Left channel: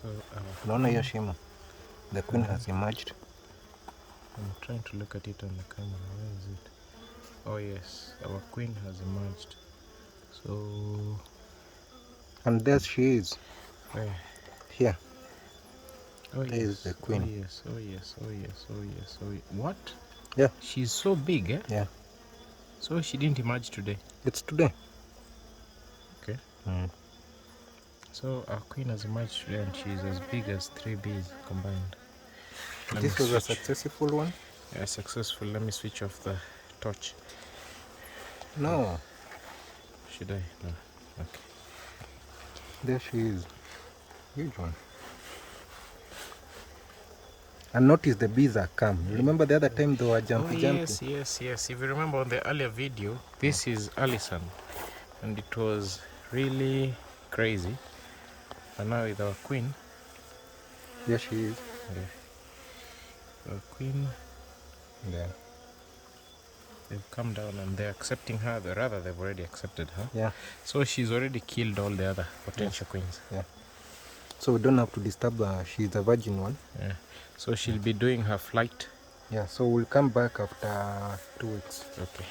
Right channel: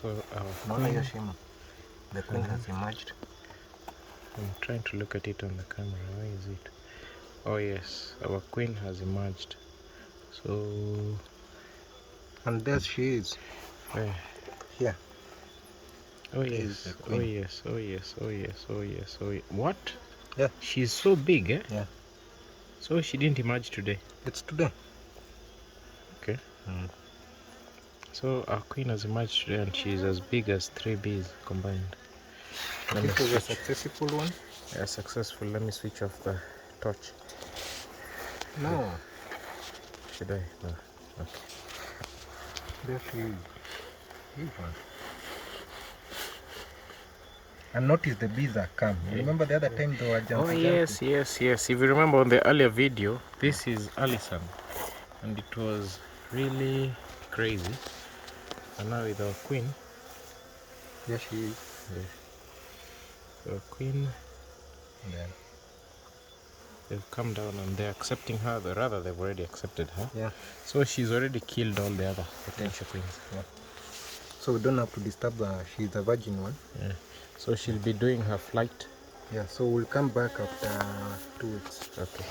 So our Naona hiyo queen, shimo. The queen has emerged. I'm trying to look at it on the camera. Where is it? Oh yes, our queen has emerged. So, And there she is. where? Here. Oh There is yes, the oh queen. yes, oh yes, oh yes, oh yes, oh yes. What? Yeah. She's so big, eh? Yeah. So she didn't emerge today. It's today. Okay. So our queen has emerged today and she's as big as 3 bees combined. Let me This was a switch. successful one. Yeah, successful. Let me switch off the torch. No. Should I? No. Okay. There she is. Huge one. And notice the bees are calm. Remember the other time they were jumping. Yes, yes, yes. If you remember on the earlier video, this is Alison, and it was really crazy. And now with our queen, There she is. our queen, Yeah. they've come down and they're accepting her. Rather, they've already accepted her. Yeah. So she's already killed all the other potential queens. Yeah. So we don't have to disturb her. She's a virgin one. Yeah. So she'll be doing her flight. Yeah. So we'll come back after 2 weeks. Okay.